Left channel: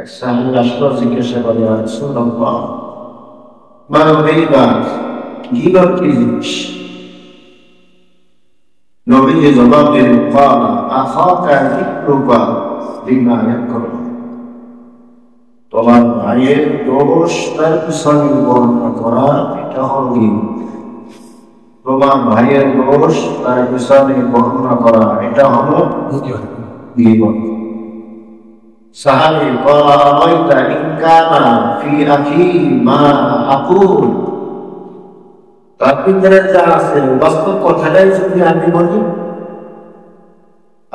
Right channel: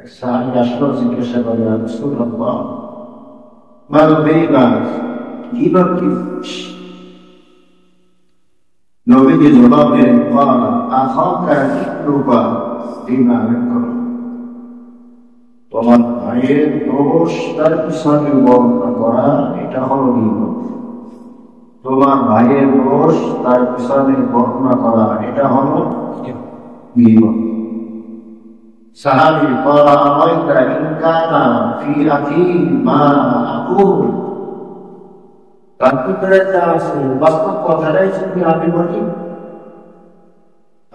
এক সাহাবী আসলো, জিজ্ঞাসা করে, ইয়া রাসূলুল্লাহ, মাল গীবাত, গীবত কি জিনিস? নবীজি জবাব দিলেন, ক্বালা আখাকা যিকরুকা বিমা ইয়াকরাহ। তোমার ভাইয়ের দোষ তার পিছনে বর্ণনা করা, এটা হলো গীবত। তোমার ভাইয়ের দোষ তার পিছনে বর্ণনা করা, এটা হলো গীবত। সাহাবী ক্বালা আরাইতা ইন কানা ফি আখি মা আকুল, তার ভিতরে যা আছে বাস্তব কথাটাই যদি আমি বলি।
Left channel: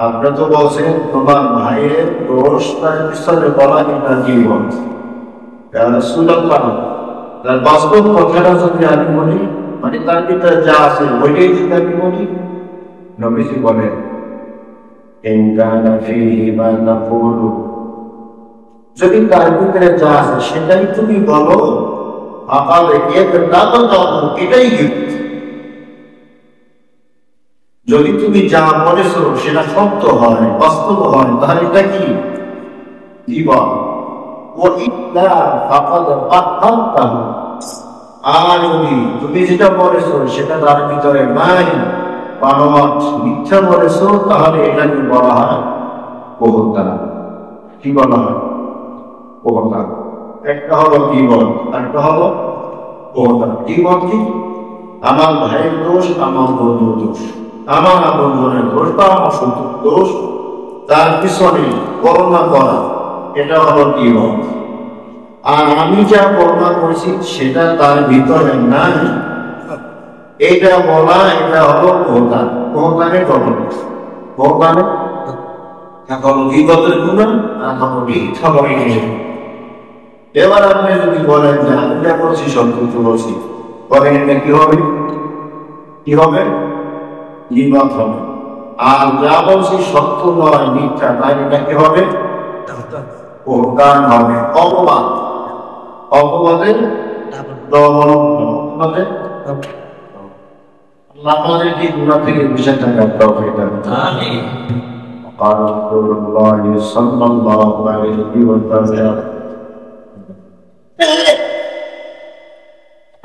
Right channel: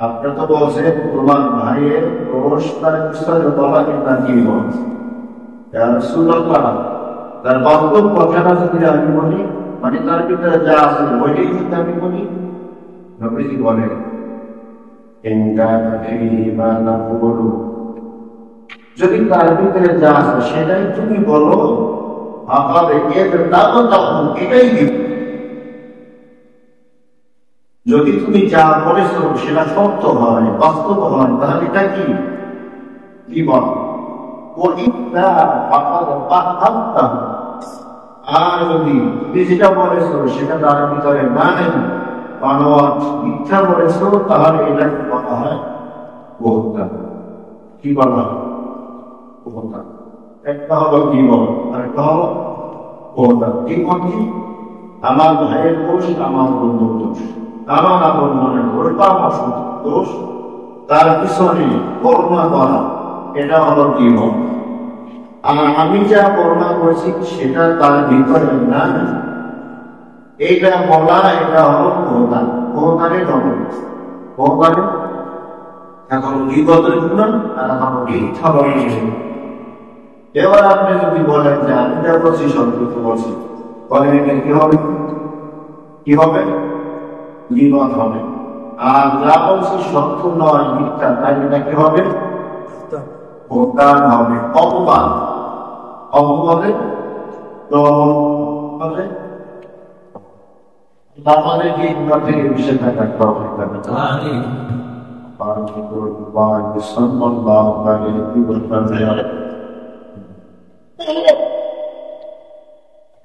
আপনি তো বলছেন তোমার ভাইয়ের দোষ তার পিছনে বলা, এটা গীবত। ইয়া রাসূলুল্লাহ, তার বাস্তব কথাটা যদি আমি বলি, মানে তার ভিতরে যা আছে ওইটাই যদি আমি বলি। নবীজি বলেন, ইন কানা ফীহি মা তাকুলু, যদি তার ভিতরে যা আছে সেটাই তুমি বলো, এটাই গীবত। যদি তুমি যা বলেছো সেটা সত্য হয়, বাস্তব হয়, তাহলে এটা কি গীবত। আর যদি তুমি যেটা বলেছো সেটা তার ভিতরে নাই, বানোয়াট মিথ্যা বলেছো, তাহলে এটাকে বলা হয় বহতান। কি বলা হয়? বহতান। একটা হলো গীবত, একটা হলো বহতান। গীবত কি? আমার ভাইয়ের দোষ, আমার বন্ধুর দোষ, আমার আপনজনের দোষ বা আমার শত্রুর দোষ, তার পিছনে বর্ণনা করা, এটা হলো গীবত। আর আমি যা বর্ণনা করেছি সেটা তার ভিতরে নাই, এটা বলা, এটা হলো বহতান। বহতানের গঠন, বহতানের এখন গীবতের গুণ আর এখন মিথ্যা বলে। এবার আপনি যদি বলেন যে আমি যা বলছি সত্য বলছি, বলেন এটা কি হবে? কি হবে? গীবত হবে। আর যা বলছি সত্য নয়, মিথ্যা, তাই এটা কি হবে? বহতান হবে, অপবাদ। অপবাদের ডবল, অপবাদের আল্লাহ আমাদেরকে গুনাহ থেকে বিশেষ থাকার তৌফিক দান করুন। আমিন। قال رسول الله صلى الله عليه وسلم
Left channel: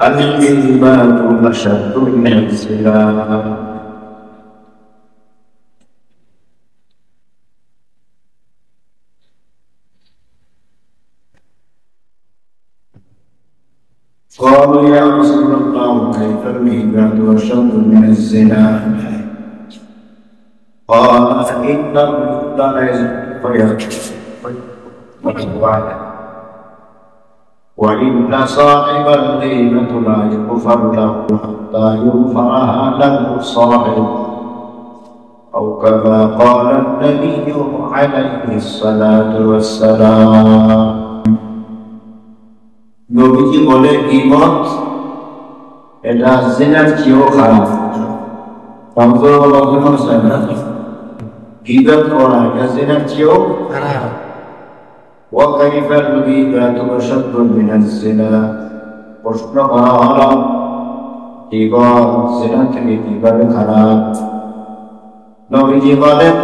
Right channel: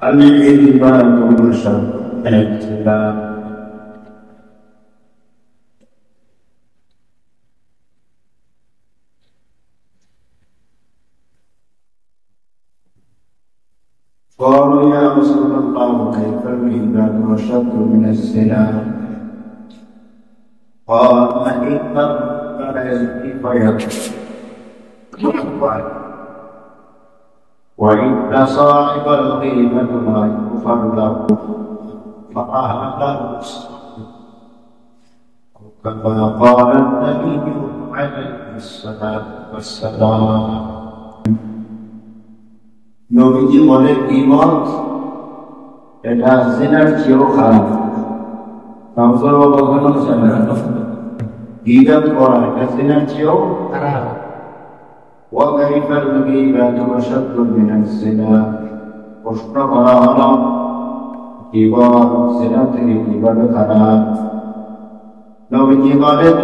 الإيمان أشد من الزنا. قالوا يا رسول الله كيف الإيمان أشد من الزنا؟ قال إن الرجل لا يزني فيزني وإن صاحب الغيبة لا يغفر له حتى يغفرها له صاحب، أو كما قال النبي عليه الصلاة والسلام. নবীজি বলে গীবত এটা জিনার চেয়েও খারাপ। গীবত করা এটা জিনার চেয়েও খারাপ। وكيف الغيبة أشد من الزنا? প্রশ্ন করা হলো গীবত জিনা থেকে কিভাবে খারাপ? নবীজি বলেন,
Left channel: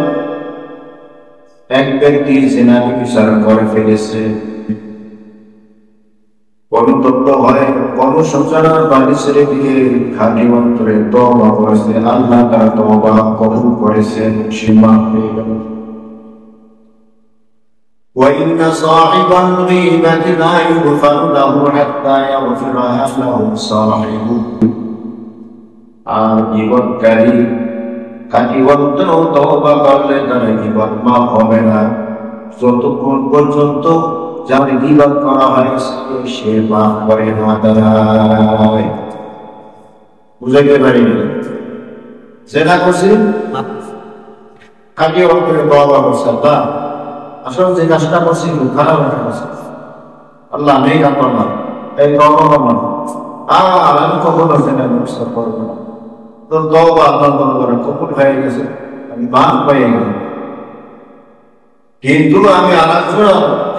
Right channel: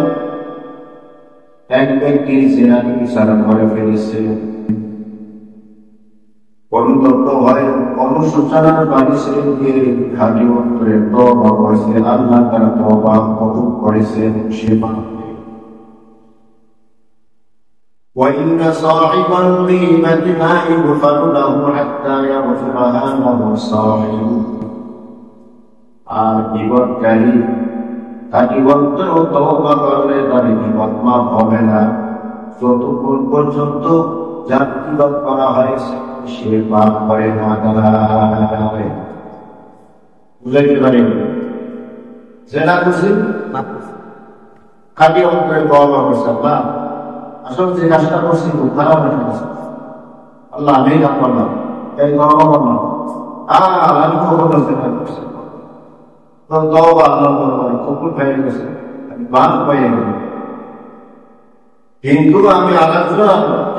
এক ব্যক্তি জিনাকে বিচার করে ফেলেছে, অনুতপ্ত হয়ে অনুশোচনার বাড়ি ছেড়ে দিয়ে খাঁটি অন্তরে তওবা করেছে, আল্লাহ তার তওবা কবুল করেছেন, সে মাফ পেয়ে গেল। وإن صاحب الغيبة لا يغفر له حتى يغفرها له صاحبه. আর গীবতকারী খাঁটি অন্তরে তওবা করলে তার গীবত মাফ হবে না, যতক্ষণ পর্যন্ত যার গীবত করা হয়েছে সে মাফ করে না দাঁড়ায়। বুঝাইতে পারিনি? জেনা করছি, খাঁটি অন্তরে তওবা করছে, আল্লাহ আসলে যে কাজটা করছি খুব খারাপ একটা কাজ, আল্লাহ নেই আপনার এই তওবা করলাম, আর আমি কখনো জেনা করব না। তো তওবা আল্লাহর দরবারে কবুল হয়ে গেছে, আমি মাফ পেয়ে গেলাম। কিন্তু আমি আলোচনা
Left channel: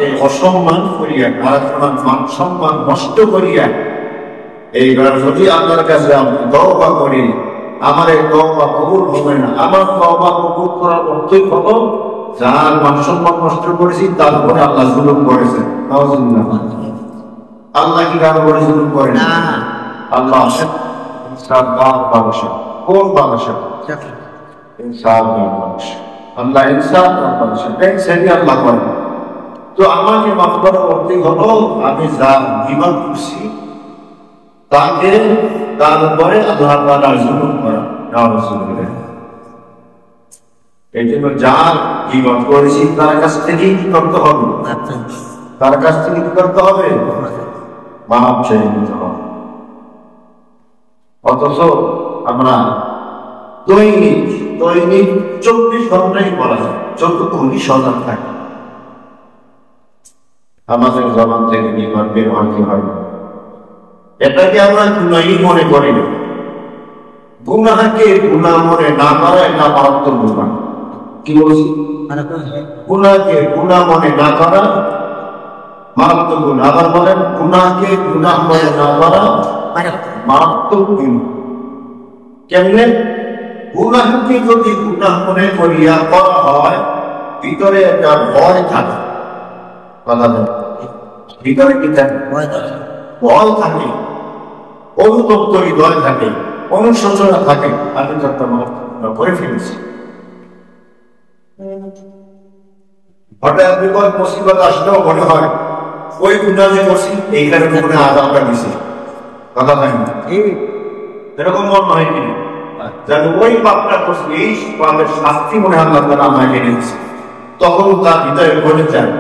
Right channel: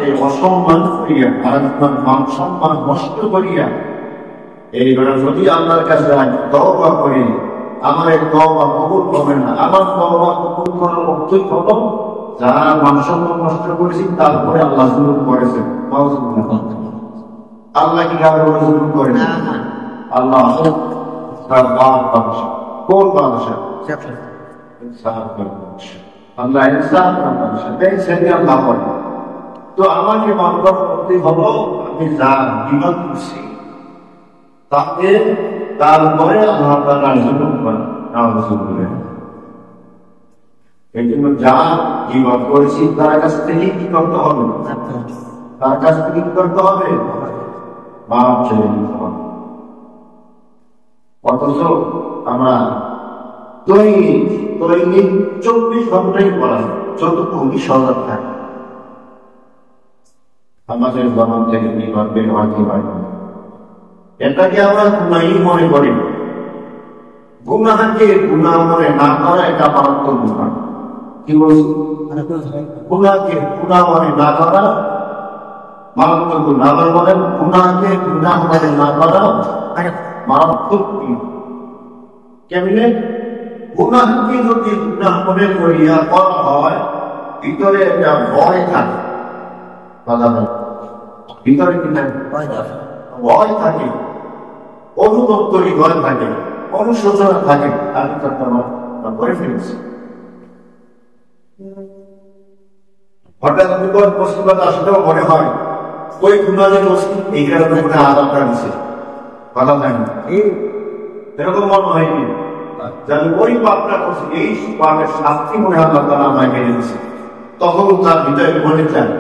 এই অসম্মান করিয়া, আলোচনার মান সম্মান নষ্ট করিয়া এইবার যদি আল্লাহর কাছে আমি তওবা করি, আমার এই তওবা কবুল হবে না। আমার তওবা কবুল করার অর্থই হলো যার মান সম্মান নষ্ট করেছি তারপরে আল্লাহ জুলুম করেছেন। আল্লাহ কি কারো করে জুলুম করেন? আল্লাহ কোন বাদশাহ? ইনসাফ বাদশাহ। আল্লাহ ইনসাফ বাদশাহ, সেটি আল্লাহ করেন। তো আমাকে মাফ করা করতে হলো, আমি যা বিবাদ করছি তাকে তারপরে আল্লাহ তাআলা জুলুম করা। এই জন্য যা বিবাদ করেছি তার কাছ থেকেই কি করতে হবে? তার কাছ থেকে কি করতে হবে? মাফ চেয়ে নিতে হবে। অথচ আমরা দৈনিক 24 ঘন্টাই বলা যায়, যতটুকুনি সজাগ থাকে আমাদের জবান থেকে বিবাদ বের হয় কি হয় না, এটাকে আমরা গুনাহই মনে করি না। গুনাহকে গুনাহ মনে না করা এটা মারাত্মক গুনাহ। কি বলছি? গুনাহকে গুনাহ মনে না করা মারাত্মক গুনাহ। আবার বলেন, গুনাহকে গুনাহ মনে না করা মারাত্মক গুনাহ। কেমনে? গুনাহকে যদি গুনাহ মনে করিয়া করা হয়, ভিতরে একটা ভয় থাকে। ভিতরে কি থাকে? ভয় থাকে, অনুতপ্ত হৃদয় থাকে, অনুশোচনা থাকে। আমি করে ফেলেছি, হঠাৎ বিপদ মুসিবত আসলেও মনে হয় ওই গুনাহ যে করছি এই কারণে মনে আযাবটা দিছে। কথা হয় না? এরকম মনে হয় কি? যেন ওই পাপটা করছি, এই পাপের শাস্তি মনে হয় আল্লাহ তাআলা আমাকে এনে দিছে। তখন তার ভিতরে বলে যায়,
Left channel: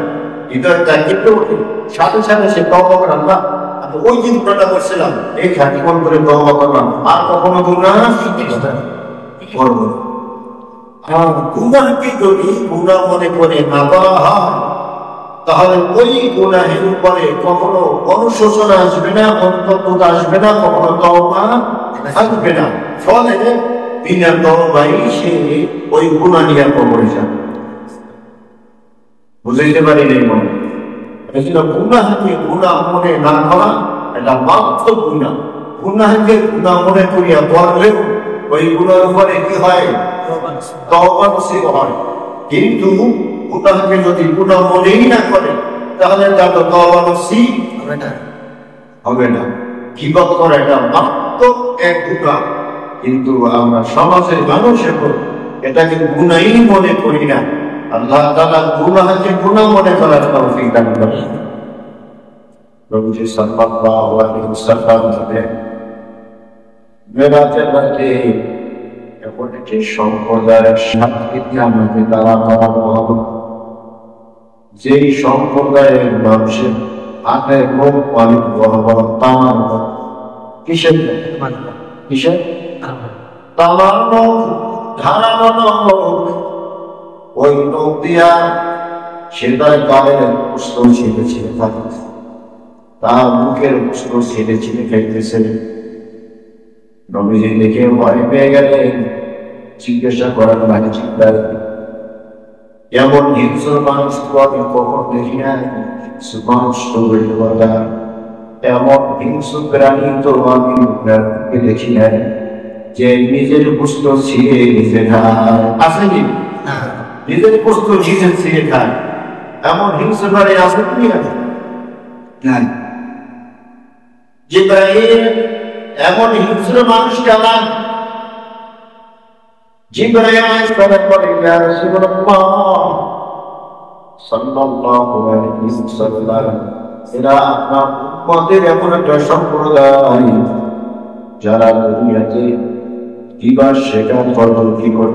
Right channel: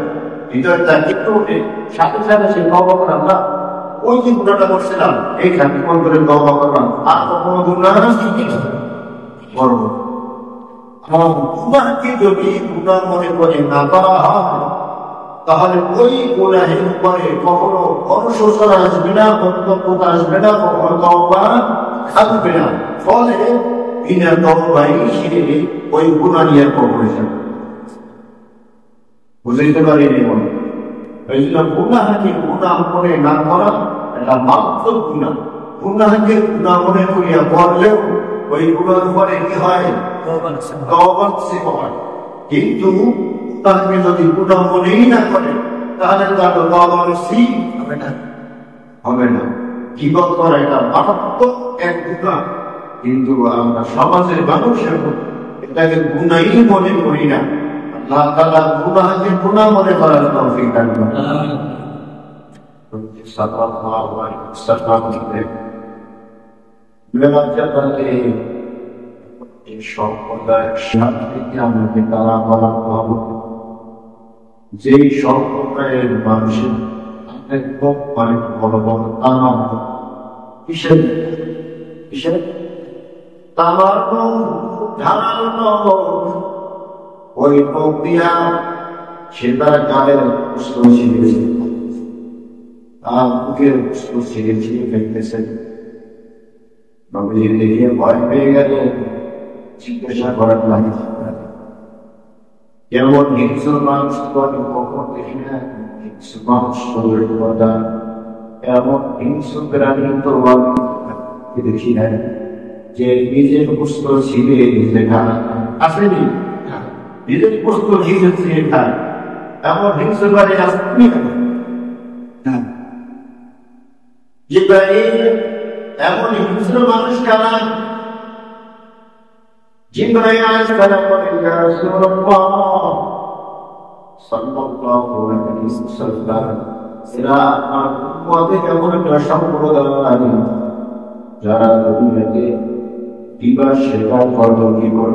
হৃদয়টা কেঁপে ওঠে, সাথে সাথে সে তওবা করে, আল্লাহ ওই যে গুনাহটা করছিলাম এই খাঁটি মন করে তওবা করলাম, আর কখনো গুনাহ করব না। গুনাহকে যদি গুনাহ মনে করে না করা হয়, তাহলে ওই গুনাহের উপরে কখনো অনুশোচনা আসবে না, অনুতপ্ত আসবে না, কখনো তওবা আসবে না। ফলে বিনা তওবাই সে ওই গুনাহ নিয়ে কবরে যাবে। বুঝাইতে পারি নাই মনে? এই জন্য গুনাহকে গুনাহ মনে না করা এটা মারাত্মক গুনাহ। গুনাহকে গুনাহ মনে করিয়া করলেও ওই গুনাহের উপরে কি হয়? তওবা নসিব হয়। কিন্তু গুনাহকে যদি গুনাহ মনেই না করে, তাহলে তার তওবা নসিব হবে না। কিভাবে করে? এটা মারাত্মক এক গুনাহ। কিন্তু আমরা সমাজের মানুষ এখন এটাকে গুনাহই মনে করি না। আল্লাহ তাআলা গুনাহকে গুনাহ মনে করার তৌফিক দান করেন। নবী সাল্লাল্লাহু আলাইহি ওয়াসাল্লাম বলেন, মেরাজের রাতে এমন একটি সম্প্রদায়ের সাথে আমাকে তারা করার পর, যেই সম্প্রদায়ের মানুষের হাতে মুখ পানি বড় বড় তামার, কিসের কিসের তামার ধারানো নখ, ওই নখ দিয়া সে তার গায়ের পুষ্প ছিঁড়ে ছিঁড়ে থাকে, তার মুখের পুষ্প ছিঁড়ে ছিঁড়ে খাইতেছে। নবীজি দেখে ভয় পেয়ে গেলেন, জিজ্ঞাসা করার লাগে চিন্তা, এমন হিংস্র মানুষ তো আমি কখন দেখি না। হিংস্র মানুষ তো কথা, এমন হিংস্র প্রাণী তো আমি দেখি না যে নিজের পুষ্প ছিঁড়ে নিজে খায়। আসেনি? নিজের পুষ্প নিজে ছিঁড়ে খায়, এমন হিংস্র প্রাণী আছে কি? নাই। জিবরাইল এমন হিংস্র মানুষ কারা? জিবরাইল আলাইহিস সালাম বলেন, ইয়া রাসূলুল্লাহ সাল্লাল্লাহু আলাইহি ওয়াসাল্লাম, এরা আমার উম্মতের এমন একটা সম্প্রদায় যারা দুনিয়াতে কিবার স্বীকার করত, কিবার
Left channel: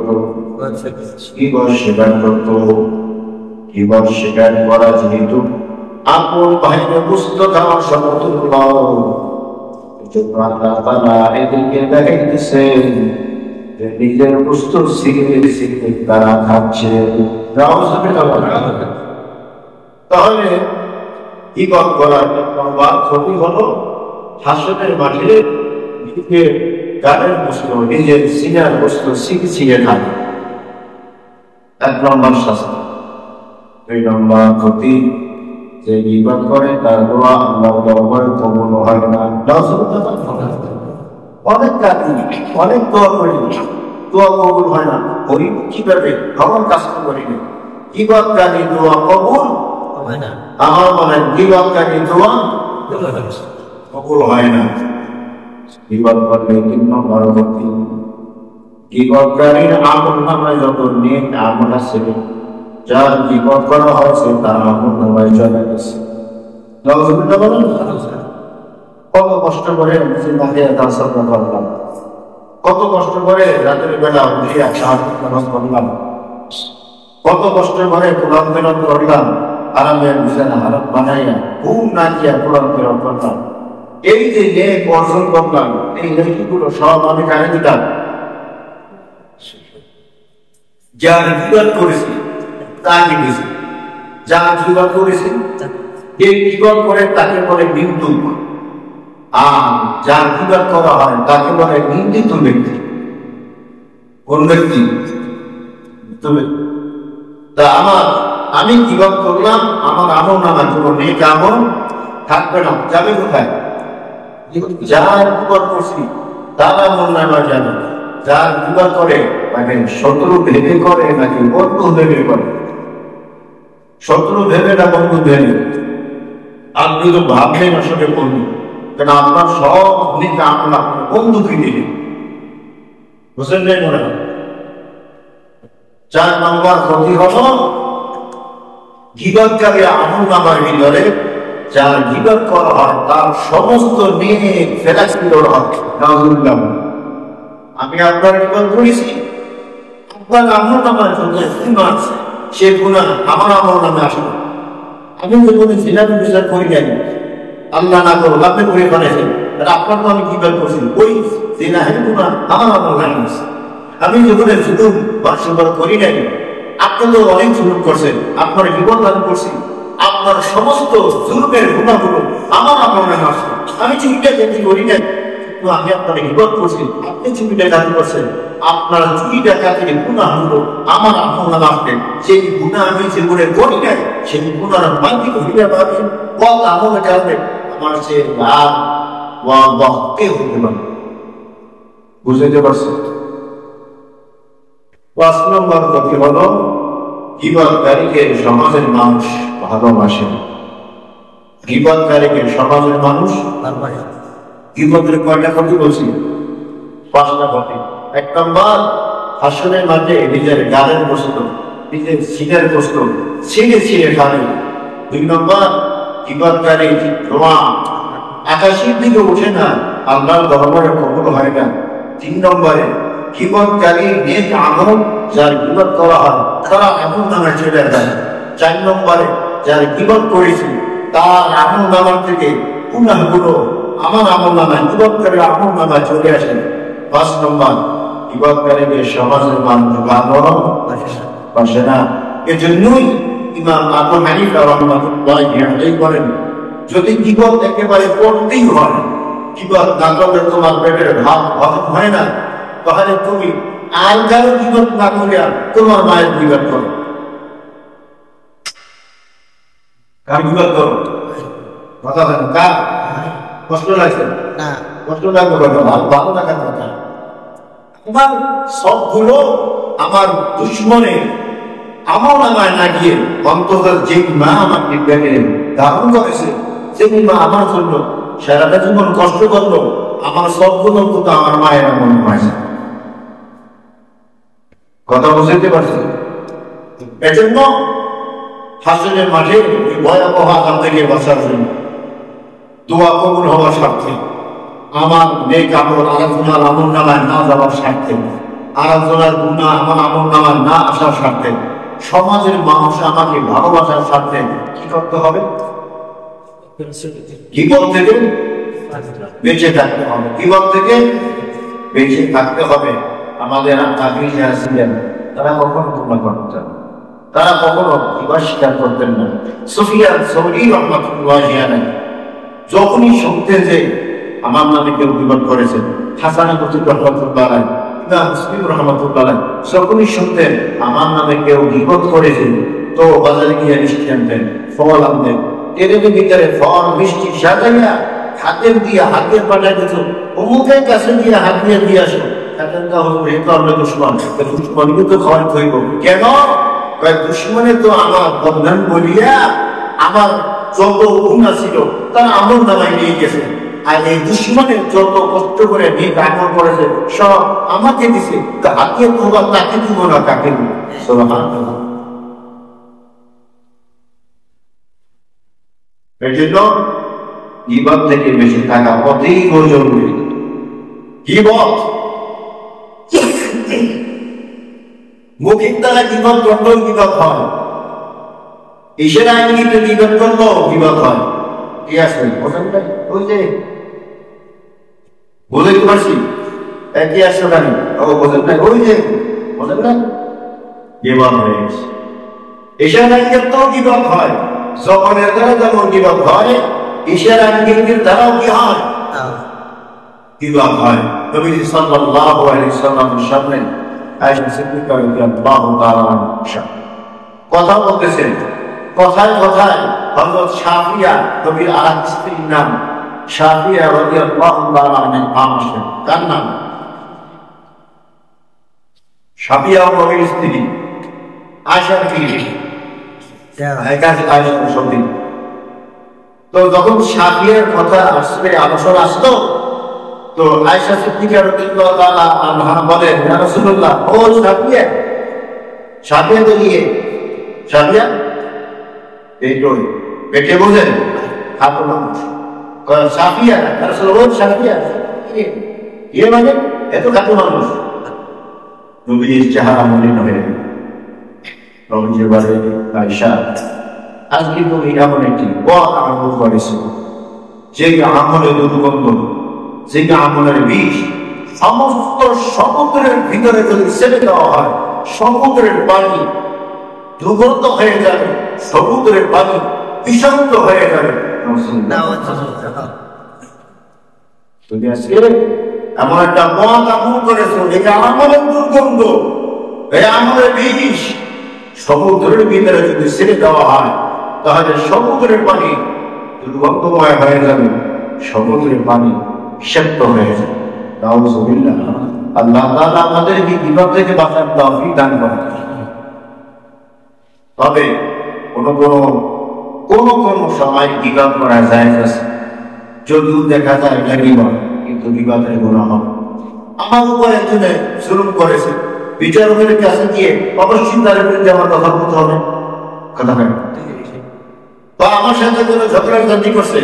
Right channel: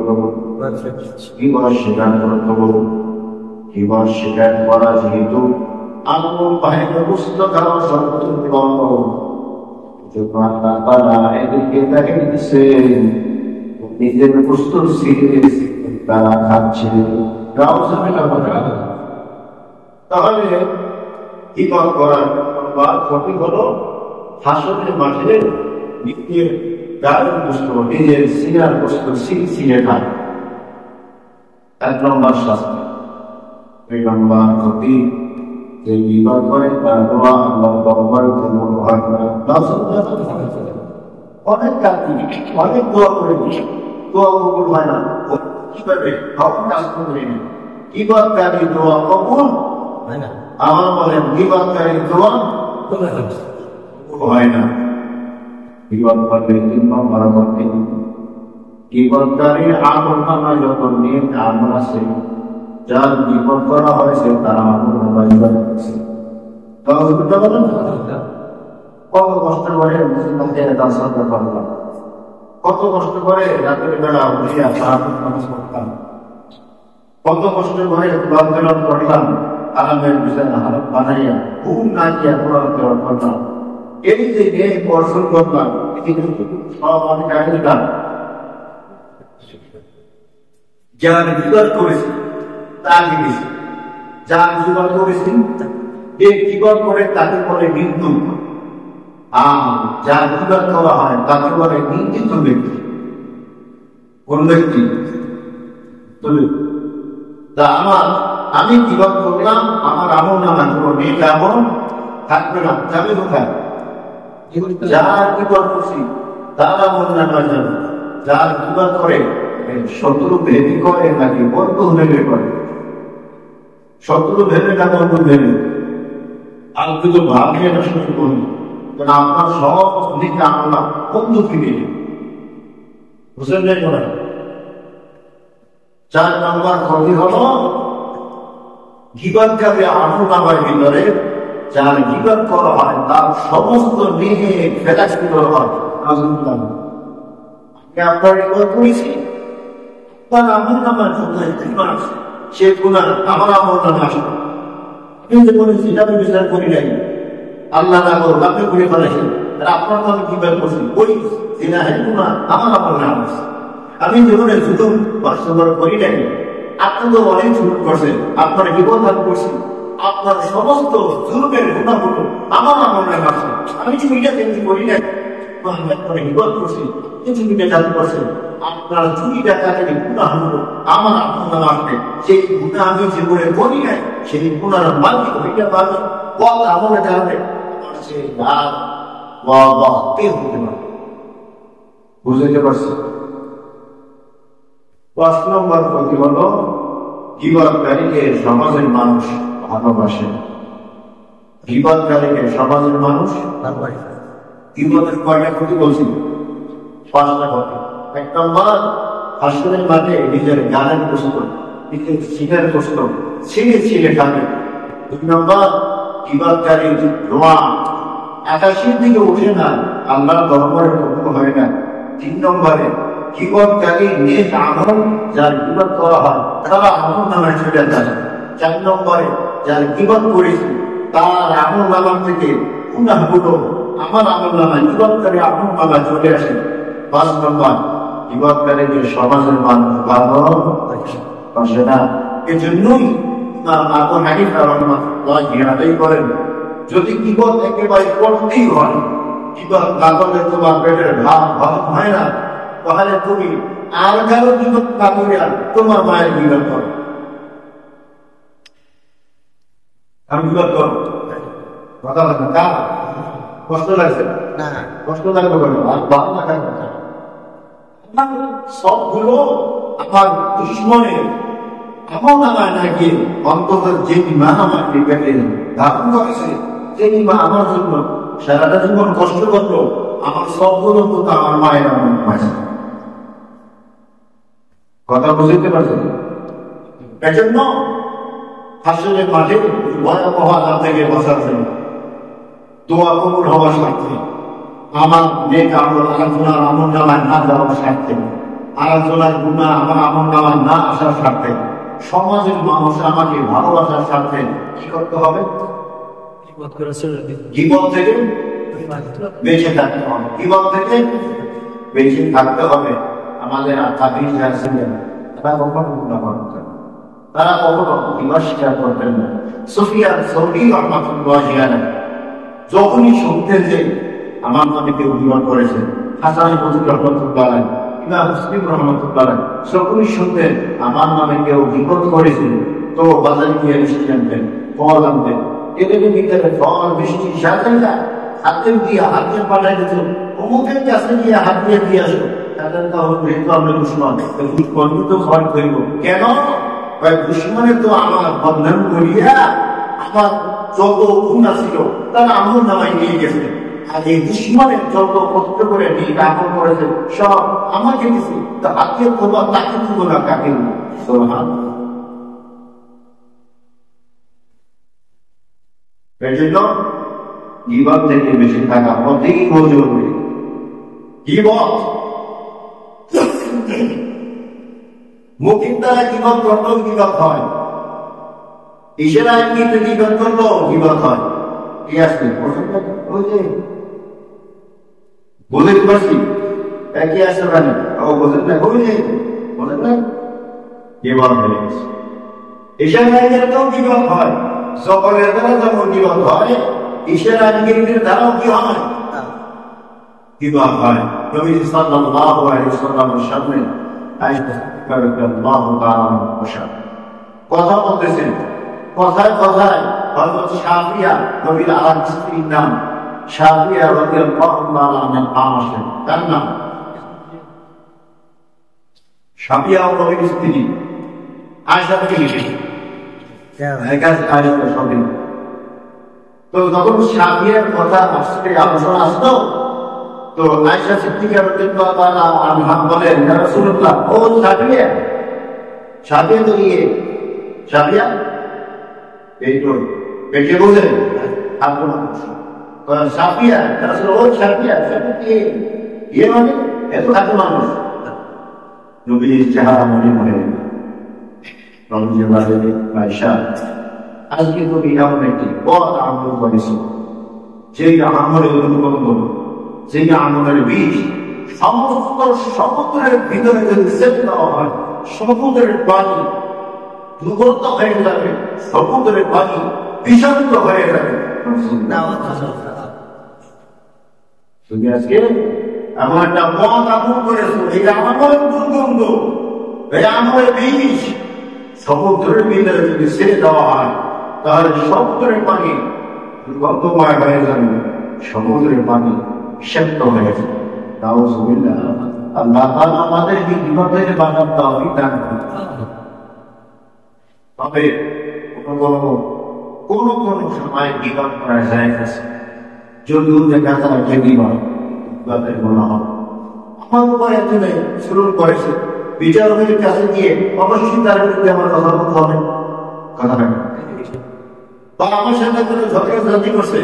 স্বীকার করত, কিবার স্বীকার করা যেহেতু আপন ভাইকে বুঝতে খাওয়ার সমতুল্য, এজন্য আল্লাহ তাআলা এদেরকে দেখাইতেছেন যে নিজের বস্তু সিগারেট তারা খাচ্ছে। তাহলে কি করার ক্ষতি হলো? হাসরের মাঠে নিজের গানের বস্তু, নিজের সিনার বস্তু ছিঁড়ে খায়, 1 নম্বর শাস্তি। 2 নম্বর ক্ষতি, যে ইবাদত করে তার দোয়া আল্লাহ দরবারে কবুল হয় না। অনেক কাজী, অনেক দোয়া করি, দোয়া কবুল হয় না। ওই কিভাবে? আমার কাজ তো করিনি, গীবতকারী দোয়া কবুল হয় না। আমার মনে গীবতকারী দোয়া কবুল হয় না। গীবত করলে 3 নম্বর গতি, গীবতকারীর আমলনামায় যত নেক আমল আছে, যার গীবত করা হয়েছে তার আমলনামায় চলে গেছে। নাউযুবিল্লাহ বলেন। কত কষ্ট করে জিন্দাকে দাসর করলাম, কত কষ্ট করে রাতের বেলা উঠিয়া তাহাজ্জুদ নামাজ পড়লাম, কত কষ্ট করে কোরআন তেলাওয়াত করলাম, আরামের বিছানা হারাম বানাইয়া ঘুম না দিয়া কোরআন তেলাওয়াত করলাম। এই যে নেক অর্জন করলাম, এই নেকিগুলো সব আমি কারে দিলাম? যার গীবত করেছি তাকে দিয়েছি। যার গীবত করেছি এই গীবত করে তাকে বলে নিন্দুক, আর যার গীবত করা হয় তাকে বলে নিন্দিত ব্যক্তি। কোন ব্যক্তি? তা আমি গীবত করলাম, আমার আমলনামায় কোনো নেক আমল থাকবে না, যাবে কোথায়? যার গীবত করছি তার আমলনামায় যাবে। যার গীবত করে তাকে শত্রু ভেবে করে নাকি বন্ধু ভেবে করে? শত্রু ভেবে না বন্ধু ভেবে? আপনি তো ভাবলেন আসলে বন্ধু, কেন আপনার সব নেক আমল বন্ধুকে দিলেন, বুঝলেন নাই মনে হয়? 4 নম্বর ক্ষতি হলো গীবতকারী আমলনামার ভিতরে যার গীবত করা হয় তার সমস্ত নেক ফেলাস্তির হয়। নাউযুবিল্লাহ। আমি আপনার গীবত করেছি, আপনার আমলনামায় যত গুনাহ আছে সে গুনাহ আমার আমলনামায় আসবে। আমি যখন জিনার বিচার করি নাই, আল্লাহ না করুক আপনি করে ফেলেছেন, আপনার তো আমি গীবত করছি, ওই জিনাহের গুনাহ আমার আমলনামায় আছে। আমি যখন জুলুম বাসবাদ করি নাই, আপনি তো অনেক জুলুম করছেন, আপনার গীবত আমি করছি, আপনার সমস্ত জুলুমের গুনাহগুলো আমার আমলনামায় আছে। আমি চুরিটা যেমনি করি নাই, তো আমি আপনার গীবত করছি, আপনি চুরি ডাকাতি করছেন, আপনার চুরি ডাকাতির গুনাহগুলো আমার আমলনামায় আছে। সেই গুনাহ আমি জীবনে করি নাই, সেই গুনাহ বাকি করিলে পাবে পথ আমলের কারণে আমার সে লাভ ওয়াদাহতে হতে পারে। বুঝতে পারছি? 5 নম্বর ক্ষতি হলো গীবতকারীকে সমাজের মানুষ ভালোবাসে। গীবতকারীকে সমাজের মানুষ ভালোবাসে। গীবতের কয়টা ক্ষতি বলছি? 5টা ক্ষতি। 1 নম্বর, হাসরের মাঠে নিজের গালের গোশত, নিজের সিনের গোশত ছিঁড়ে ছিঁড়ে খাবে। 2 নম্বর, গীবতকারী ধোঁয়া আকাশের দিকে ওঠে না, আল্লাহর দরবারে কবুল হয় না। 3 নম্বরে, গীবতকারী নেক আমল যার গীবত করা হয় তারা আমলনামায় চলে যায়। 4 নম্বরে, যার গীবত করেছে তার আমলনামা থেকে গুনাহগুলো আমার আমলনামায়, গীবতকারী আমলনামায় চলে আসে। 5 নম্বর, গীবতকারীকে সমাজের মানুষ ভালোবাসে না। এজন্যই ইমাম আবু হানিফা রাহমাতুল্লাহি আলাইহি বলেন, যদি গীবত একেবারে করতেই হয়, গীবত না করলে তোমার পেটের ভাত হজম হয় না, তাহলে তুমি আর কারো গীবত না করিয়া তোমার মায়ের গীবত করো। কার গীবত করো? কথা বলেন, কার? কষ্ট লাগছে না? কষ্ট লাগবে কেন? ভালো লাগার কথা। আমার সবগুলো আমার দুশ্মনের আমলনামায় না গিয়ে অন্তত যে মা আমাকে পেটে ধারণ করেছে, যে মা আমার জন্য সারাটা জীবন কষ্ট করলো, আমার সবগুলো কিন্তু আমার মায়ের আমলনামায় আছে। কথা বুঝতে পারছেন? এজন্য হাসরের মাঠে ভয়াবহ আযাব থেকে বাঁচার জন্য দোয়া কবুল হওয়ার স্বার্থে, আমার নেক আমল আরেকজনের আমলনামায় না যাওয়ার স্বার্থে, আরেকজনের গুনাহ আমার আমলনামায় না আসার স্বার্থে, সমাজের মানুষ আমাকে ভালোবাসার স্বার্থে কি করতে হবে? গীবত থেকে বেঁচে থাকতে হবে। গীবত থেকে বেঁচে থাকতে হবে। আমাদের আগে যারা ছিলেন তারা কখনো তোমরা করতেন, তারা কখনো গীবত স্বীকার করতেন না। সুফিয়ান সৌরি রাহমাতুল্লাহি আলাইহি যখনই শুনতেন যে আমার নামে কেউ গীবত করেছেন, হাসান বসরি রাহমাতুল্লাহি আলাইহি, ইমাম মুসলিম রাহমাতুল্লাহি আলাইহি যখনই শুনতেন আমার নামে কেউ গীবত করেছেন, তো বাজারে গিয়ে মিষ্টি আনতেন, ফল আনতেন, এর ভিতরে ফল মিষ্টি সাজাইয়া হাতের দিয়ে হাতের পাঠায় দিত, অমুকের কাছে দিয়ে হাত দিয়ে আসো। দুশ্মন দুশ্মনকে তো খাওয়াই হইব। কেন? দুশ্মনে তো আমার বদনাম বলিয়া আমার যত গুণা ছিল তারা আমল নামায় নিয়ে গেছে, আর এই দুশ্মনের যত কষ্ট করে নিয়ে আমল করেছে সব আমাকে দিছে, তাকে তোমরা তাকে দিব না, কাকে দিব? সুবহানাল্লাহ। এই জন্য গীবত থেকে বেশি থাকা অতীব জরুরি। গীবত মৌখিক দ্বারা গীবত করলেও গীবত হয়, ইশারা ইঙ্গিতে গীবত করলেও গীবত হয়। ঠিক আছে, ওই যে বুঝতে পারছি একই আসে জানি বোঝেন না, ওই যে বোঝেন না গীবত হয়ে গেছে। ইশারা ইঙ্গিতেও গীবত হয়, জবানের দ্বারা যেমন গীবত হয়, ইশারা ইঙ্গিতের দ্বারাও কি হয়? গীবত হয়। নবীজি সাল্লাল্লাহু আলাইহি ওয়াসাল্লামের সামনে আয়েশা সিদ্দিকা রাদিয়াল্লাহু তাআলা আনহা কথা বলতেছেন, কথায় কথায় হযরত শাফিয়া, নবীর আরেক স্ত্রীর নাম শাফিয়া রাদিয়াল্লাহু তাআলা আনহা নাম আসে। কার নাম? শাফিয়া নবীর স্ত্রী আয়েশা কি তো যখন শাফিয়ার কথা আসবে, আলোচনা আসতো, তো আয়েশা সিদ্দিকা রাদিয়াল্লাহু তাআলা আনহা বলেন, ইয়া রাসূলুল্লাহ, ও শাফিয়া, শাফিয়া তো গিয়ে শাফিয়া এই তো পেটে বলেন খাটো মানুষ, শাফিয়া ইয়া রাসূলুল্লাহ, ও শাফিয়া ইয়ে মানে এত খাটো মানুষ। নবীর চেহারা মলিন হয়ে রমজে বাড়ে আয়েশা, আজকে তুমি এমন একটি পথ আরম্ভ করেছো যে আমলের দুর্গন্ধ, যে আমলের বিষ সমস্ত সমুদ্রের ভিতরে যদি ছেড়ে দেওয়া হয়, সমুদ্রের পানি দুর্গন্ধ হয়ে যাবে, সমুদ্রের পানি বিষাক্ত হয়ে যাবে। তুমি আজকে এমন একটা পথ আরম্ভ করেছো, এই আমলের দুর্গন্ধ, এই আমলের বিষ সমুদ্রের ভিতরে যদি ছেড়ে দেওয়া হয়, তাহলে সমুদ্রের পানি দুর্গন্ধময় হয়ে যাবে, সমুদ্রের পানি বিষাক্ত হয়ে যাবে। নাউযুবিল্লাহ। আল্লাহ তাআলা আমাদেরকে বিপদ থেকে বাঁচার তৌফিক দান করেন। তবে কোন সময় গীবত করা জায়েজ আছে, যদিও দেখা যায় এটা গীবত, কিন্তু গীবতের গুনাহ হবে। আমার উপর একজনে জুলুম করেছে, বিচারকের কাছে গিয়ে অবশ্যই তার বিরুদ্ধে আমার কথা বলতে হবে, কথা হয়, বা আমার সাথে কোনো ঝগড়াঝাটি করছে,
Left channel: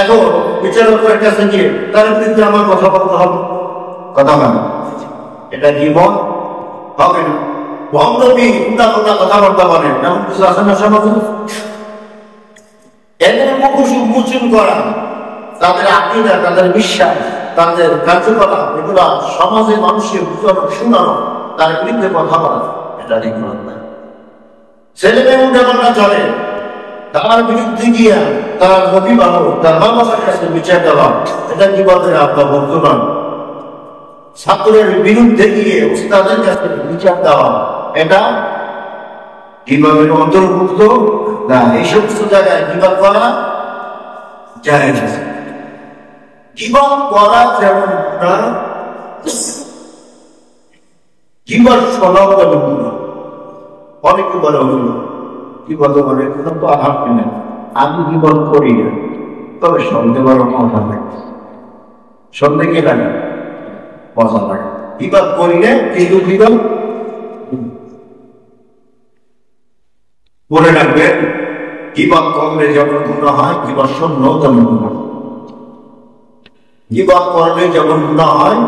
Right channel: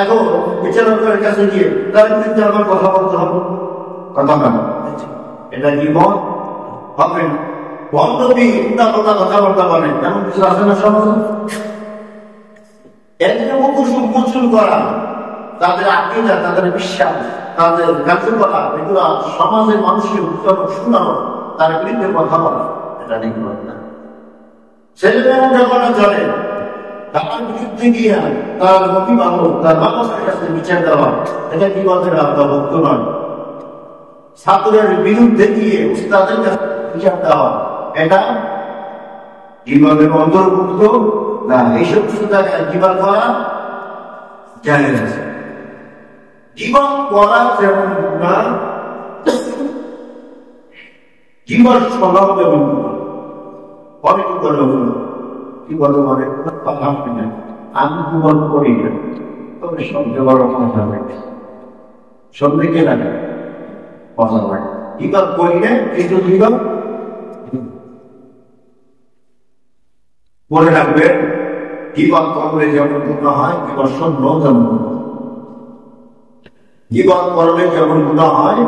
এখন বিচারকের কাছে গিয়ে তার বিরুদ্ধে আমার কথা বলতে হবে, কথা হয়, এটা গীবত হবে না। বন্ধবী উল্টা কথাবার্তা বলেন, এমন কিছু আছে না সমাজে? এদের মুখোশ উন্মোচন করা, তাদের আকীদা, তাদের বিশ্বাস, তাদের কার্যকলাপ, এগুলা সমাজের মানুষের শোনানো, তার বিরুদ্ধে কথা বলা, এটা গীবত না। ছেলে মেয়ে উল্টা চলে, তার বিরুদ্ধে গিয়া তার অভিভাবক, তার মা বাবার কাছে বিচার দেওয়া, এটা গীবতের আওতাভুক্ত নয়। ছাত্রের বিরুদ্ধে গিয়ে উস্তাদের কাছে বিচার দেওয়া, এটা গীবতের অন্তর্ভুক্ত না। এই সমস্ত জায়গায় গীবত করা জায়েজ আছে। গীবত করা যেমন গুনাহ, গীবত শোনাও যেমন গুনাহ। অনেকে বলে গীবত মানে কোনো তো আঘাত নেই, আমি গীবত করি না, তবে সন্দেহ বড় কথা লাগে, সন্দেহ কে লাগে, মজা লাগে। গীবত করিলে কিন্তু গীবত মনে রাখবে, গীবত করলে যেমন গুনাহ হয়, গীবত শুনলেও তেমন গুনাহ। গীবত করলে যেমন গুনাহ হয়,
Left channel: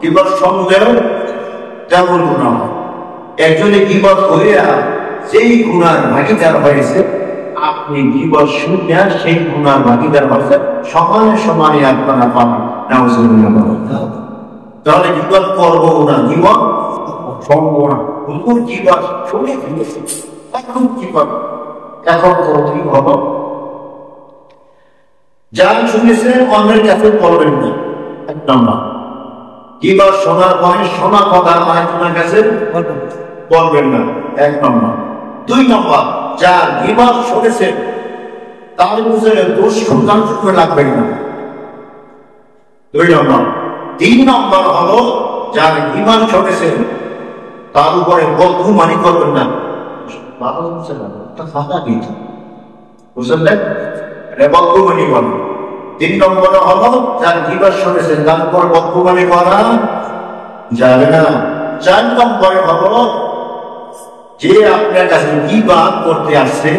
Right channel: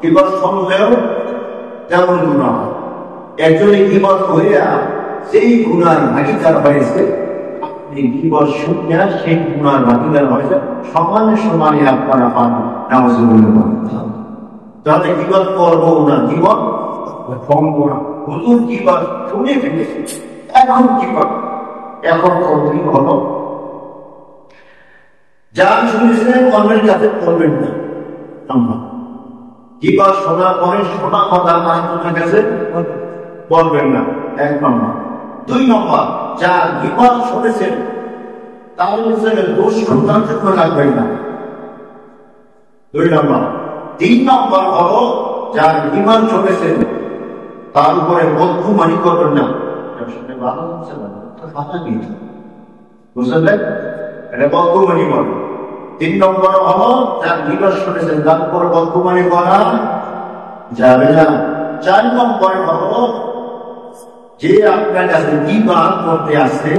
গীবত শুনলেও তেমন গুনাহ হয়। একজনে গীবত করিয়া সেই গুনার ভাগীদার হয়েছে, আপনি গীবত শুনিয়া সেই গুনার ভাগীদার হয়েছে, সমানে সমানে আপনারা পাবেন। নাউযুবিল্লাহ। তাহলে গীবত করবো না, গীবত শুনবো না। হুজুর গীবত শুনে ফেলেছে, এখন গীবত এখন কি হলো? যান শুনেছে অন্যের কাছে করবেন না, এক নম্বর। গীবত শোনার পরে শোনা কথা আরেকজনের কাছে বলবেন না, এক নম্বর। দুই নম্বর, যার গীবত শুনেছেন তার বিষয়ে দোষ সন্ধান করে লাগবেন না, দুই নম্বর। তিন নম্বর হলো, যার গীবত শুনেছেন তার উপরে বদগুমানি করবেন না, ভালো হচ্ছে না, একটা ফাঁকা দিত, বুঝলেন? এটা বক্তব্যনি বলে। 3 নম্বরে হলো যার গীবত শুনেছেন তার উপর বক্তব্যনি করা যাবে না। 4 নম্বরে হলো যে আপনার কাছে গীবত করতে আসছে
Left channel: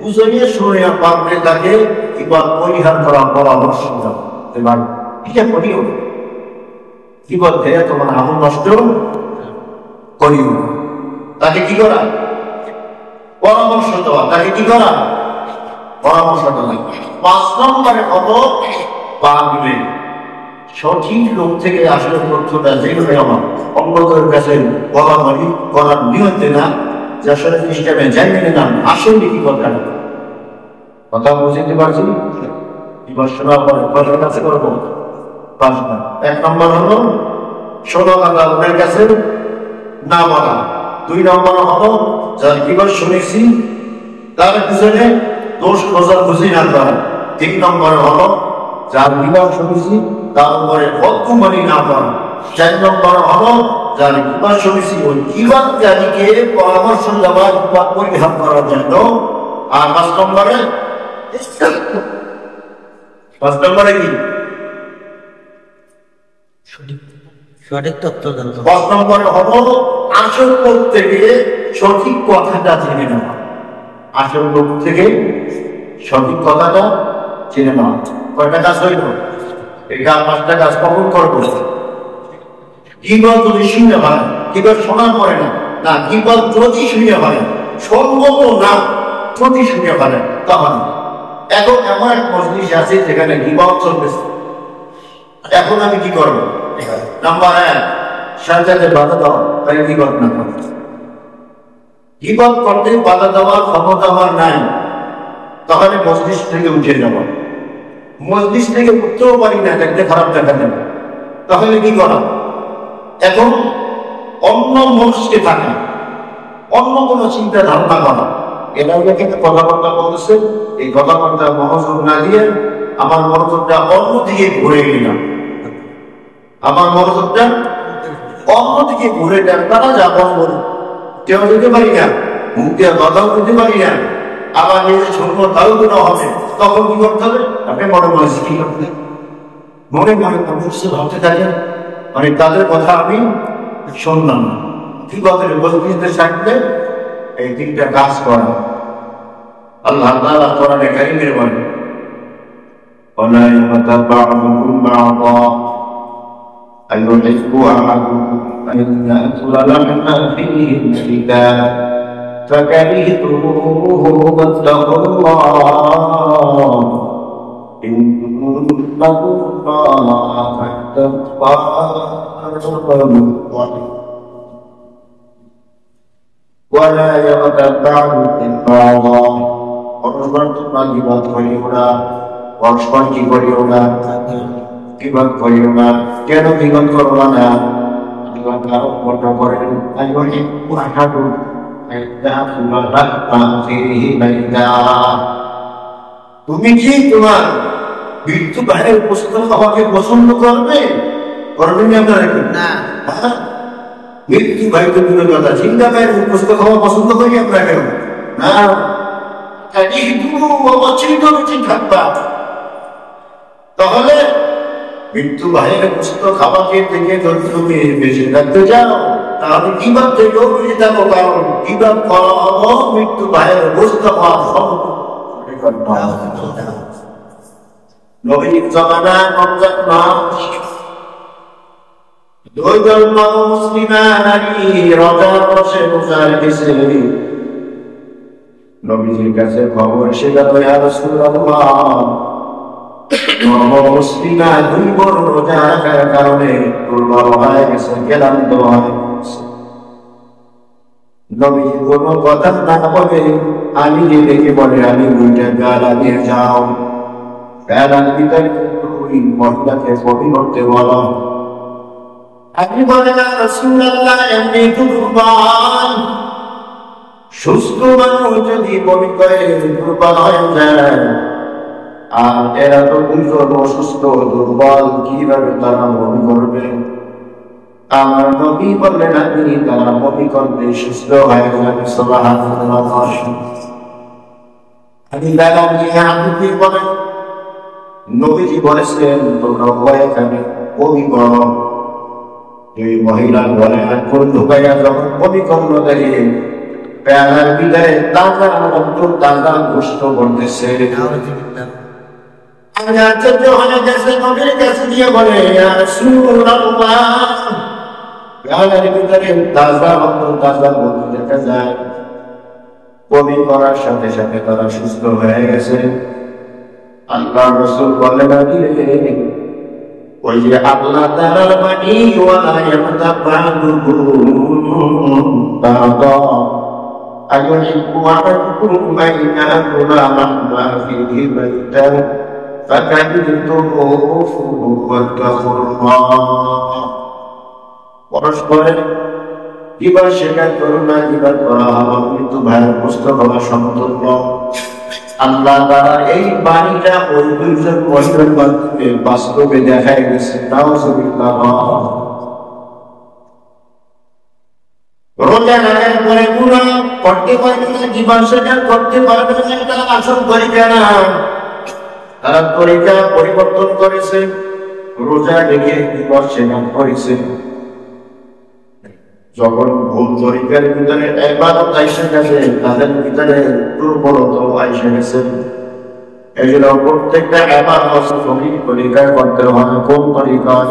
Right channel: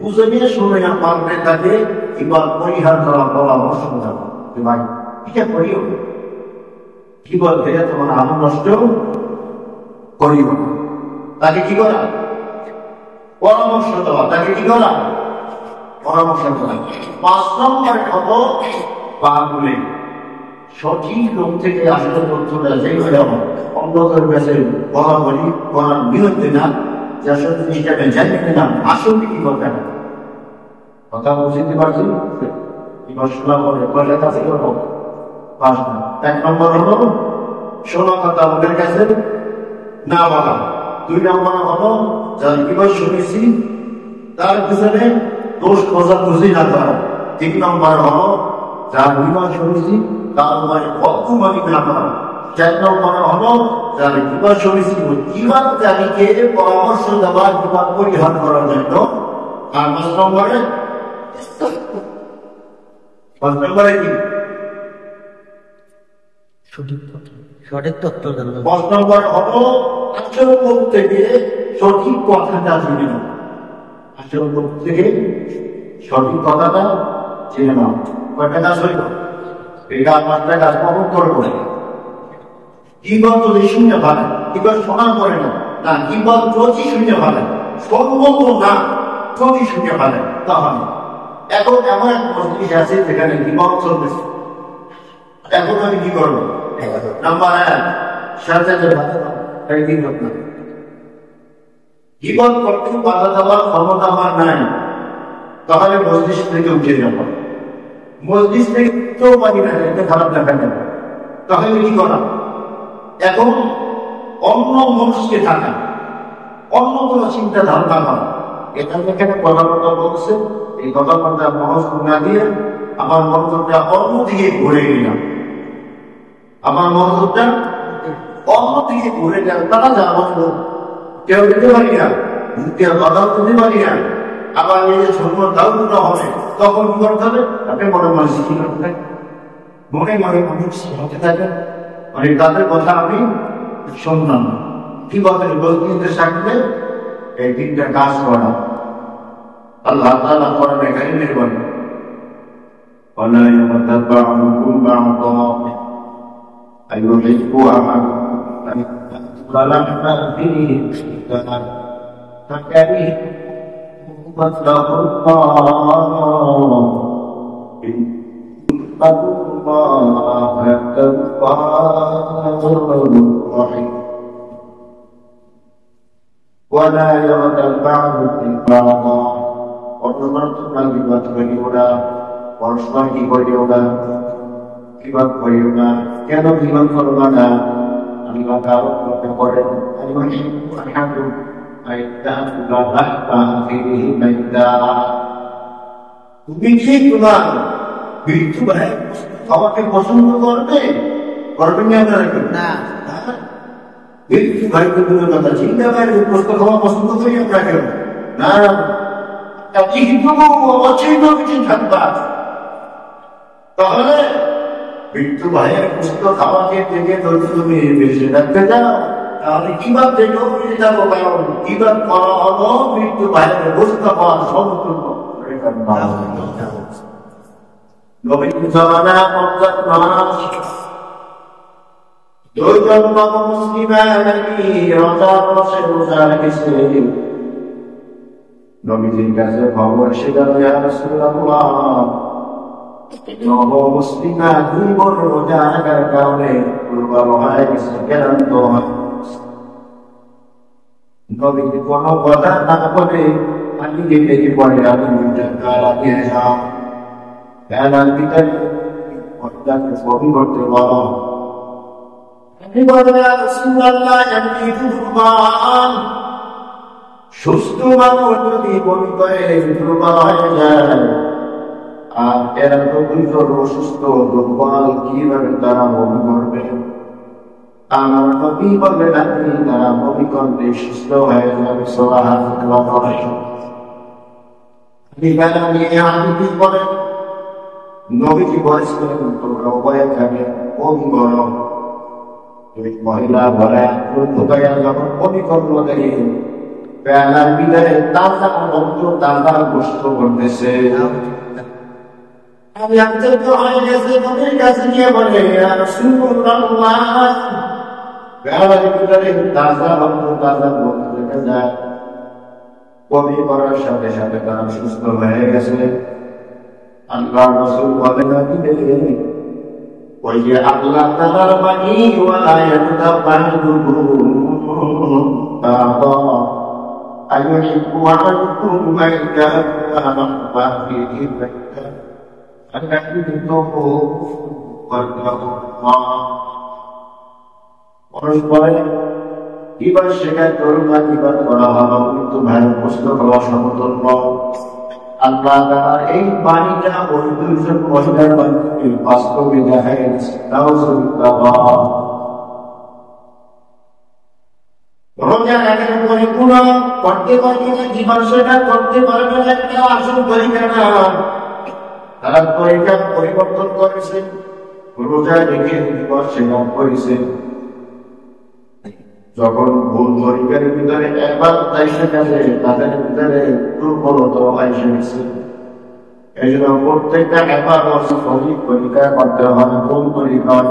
বুঝে শুনে পারলে তাকে গীবত পরিহার করা পরামর্শ দাও। এবার এটা করিও গীবত দিয়ে তোমার আমল নষ্ট করিও। তাকে কি করা? পরামর্শ দেওয়া। তাকে কি করা? পরামর্শ দেওয়া। 5 নম্বরে হলো বাগলে সঠিক লোক থেকে আসলে তথ্যটা যেগুলো আমার অন্যদের কাছে বলাবলি করার নিয়ন্ত্রণ না, যে আসলে জিনিসটা আমি জানি না আসলে কি কথা বুঝতে পারছি। শোনার পরে কয়টার কাছে করবো? 5 নম্বর। 1 নম্বর হলো 16 কথা ওদের কাছে না বলা। 2 নম্বর হলো যার কিবার শুনেছি তার পিছনে দোষ খোঁজাখুঁজি না করা। 3 নম্বর হলো যার কিবার শুনেছি তার উপরে বক্তব্যনি না করা। 4 নম্বর হলো যার কিবার শুনেছি ওই কিবার জানিকে পরামর্শ দেওয়া, কিবার পরিহার করার জন্য। আর 5 নম্বরে কি? সঠিক তথ্য জানা। 5 নম্বরে হলো আসল লোক থেকে সঠিক কথাটা জেনে নেওয়া। আসল লোক থেকে সঠিক কথাটা জেনে নেওয়া। কয়টা কাজ হইল? এটা 5টা কাজ কখন করবো? কিবার যদি শুনে ভালো, কিবার শোনার পরে না, না কিবার যদি শুনে ভালো, সম্ভব না যদি শুনে ভালো, তাহলে এখন এমন এক মজলিস আছে যেখানে গীবত চলতেছে। এখন আমি কি করবো? নাম্বার 1, সাথে বাধা দাও, তাই গীবত না করো। গীবত করতে বাধা দেওয়ার ক্ষমতা আমার নাই, তাহলে মজলিস থেকে উঠে যাব। মজলিস থেকে উঠতেও পারি না, দেখতে খারাপ দেখা যাবে, তাহলে কি করা? এখন অন্য মানুষকে থাকা, অন্য কোনো চিন্তা ধারণা করা। এটা এখানে কথাবার্তা বলতেছে, এই কথাবার্তা মনোযোগ না দিয়ে আমার মনোযোগটা অন্যদিকে ঘুরে গেলাম। আমার মনোযোগটা অন্যদিকে ঘুরে যান, তারা যা বলবো কেউ যেতে পারি না, মুখ দিয়ে কথাও বলতে পারি না, আবার নিজের ছোট তাও কোনো হবে। তখন কি করতে হবে? আপনি মনে মনে কি করতে থাকেন, মনে মনে অবশ্য ভাবতে থাকেন, মানে তাদের কথা আমি শুনলাম না। কি বলেন? বলতে থাকলে এই 3টা কাজ করা। আল্লাহ তাআলা কোরআনে কারীমের বলেন, ওয়ালা ইয়াতাবা'উকুম বা'দা আইয়ুহিব্বু আহাদুকুম আন ইয়াকুলা লাহমা ফীহি মুশরিকা ফাকারিহতুমূহু ওয়াত্তাকুল্লাহ ইন্নাল্লাহা তাওয়াবুর রাহিম। ওয়ালা ইয়াতাবা'উকুম বা'দা, পরস্পর তোমরা গীবত করিও না, পরস্পর কি করিও না? গীবত করিও না। কেন গীবত করবা না? আল্লাহ তাআলা বর্ণনা করেন, আইয়ুহিব্বু আহাদুকুম আন ইয়াকুলা লাহমা ফীহি মাইতা। তুমি কি তোমার মৃত্যু ভাইয়ের গোশত খাওয়াকে পছন্দ করবে? করবে না? মৃত্যু ভাই তো দূরের কথা, জিন্দা ভাইয়ের গোশত খাওয়া পছন্দ করি আমরা কেন? না, তাহলে মৃত্যু ভাইয়ের গোশত খাওয়াকে থেকে যদি তুমি বেঁচে রাখতে চাও, তাহলে কিভাবে থেকেও বেঁচে থাকো, কারণ কিভাবে করা হলো মৃত্যু ভাইয়ের গোশত খাওয়া সম্পূর্ণ। নবীর জামানা রমজান মাস, 2 জন মুসলিমা নারী রমজান মাসে রোজা রেখেছে। নবীজির কাছে খবর এসে গেল, ইয়া রাসূলুল্লাহ, মুসলিমা 2 বোন রোজা রাখার কারণে দুর্বল হয়ে গেছে, ক্লান্ত হয়ে গেছে। নবীজি কোনো কথা না বলে আমি যে দেখে বলে, আমি 2টা গালা দিয়ে যাও, গালার ভিতরে ওই মহিলাকে বমি করতে বলো। আপনি বলেন, ইয়া রাসূলুল্লাহ, এমনি দুর্বল সুস্থ মানুষ যদি বমি করে দুর্বল হয়ে যায়, আর এরা তো দুজন অসুস্থ দুর্বল, কিভাবে তারা বমি করবে? আমার নবী বললেন আপনি তারা নবীকণ্ঠে সুস্থ হয়ে যাবে সুবহানাল্লাহ। আপনি বেলা নিয়ে আপনি বলেন নবীজি বলেছেন তোমরা এখানে কবি করো। দুই মহিলা বলে কোন ঢুকাইয়া যখন কবি করলো দাঁড়িয়ে বেলার বিদায় তাজা অন্ত তাজা গোস্ত করতেছে। আমি আশ্চর্য হয়ে গেছে, নবীর কাছে গিয়ে বলে ইয়া রাসূলুল্লাহ, বেলার ভিতরে তাজা অন্ত তাজা গোস্ত দেখা যায়, কবি করার সাথে সাথে তারা সুস্থ হয়ে গেছে। আল্লাহ রাসূল বলেন ওই যে আল্লাহ তাআলার বাণী ওয়ালা ইয়াতাবাদুকুম বাদা আইয়ুহিব্বু আহাদুকুম আইয়া কুলা মাহমা ফিহি বাইতা ফাকাদিতুমুহু ওয়াত্তাকুল্লাহ। পরস্পরের কিবার শেখার করুণা কিবার করা হলো কিন্তু ভাইয়ের পুস্তক হওয়া সমতুল্য। আল্লাহ তাআলা এই বাণীটা ওই দুইজন মহিলার মাধ্যমে বাস্তবে দেখাই গেছে। নাউযুবিল্লাহ। রোজা রাখার পরে পুরো করতে পারবে না, জীবন সেটা করতে পারবে না, এটা আসল তরিকা না। তারা তরিকা পরিবর্তন করেছে, রোজা রেখে জীবন সেটা করেছে। যখন ভুল তরিকার ভিতরে ইবাদত আইসা গেছে, তাদের ভিতরে দুর্বলতা আইসা গেছে। এই জন্য প্রত্যেকটা ইবাদত সঠিক তরিকায় করতে হবে। কোন তরিকায়?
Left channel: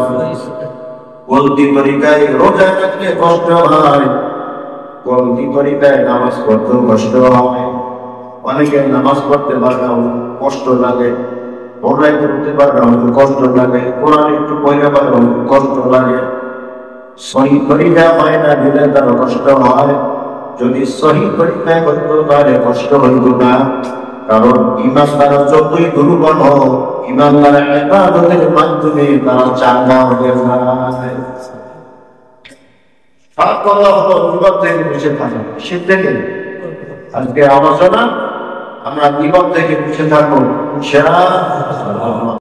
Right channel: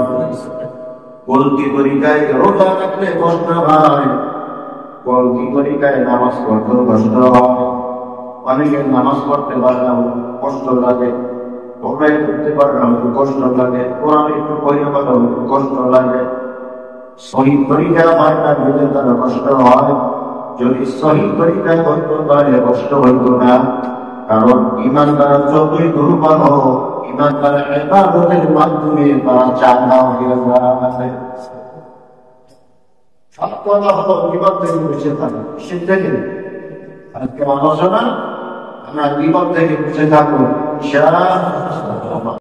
গলতি তরিকায় রোজা রাখলে কষ্ট হয়, গলতি তরিকায় নামাজ পড়তেও কষ্ট হয়। অনেকের নামাজ পড়তে পারে কষ্ট লাগে, পড়াই করতে পারে কষ্ট লাগে, কোরআন একটু পড়তে পারে কষ্ট লাগে। সহি তরিকা হয় না দিলে তার কষ্ট হয়। যদি সহি তরিকায় করতে পারে কষ্ট হইত না। কারণ ইমান তারা যতই দুর্বল হোক, ইমান তারা ইবাদতের মাধ্যমে তারা চাঙ্গা হয়ে যায়। সব কথা হলো জীবন থেকে বেঁচে থাকা। সে থেকে আজকে আলোচনা আমরা জীবন থেকে বেঁচে থাকবো ইনশাআল্লাহ।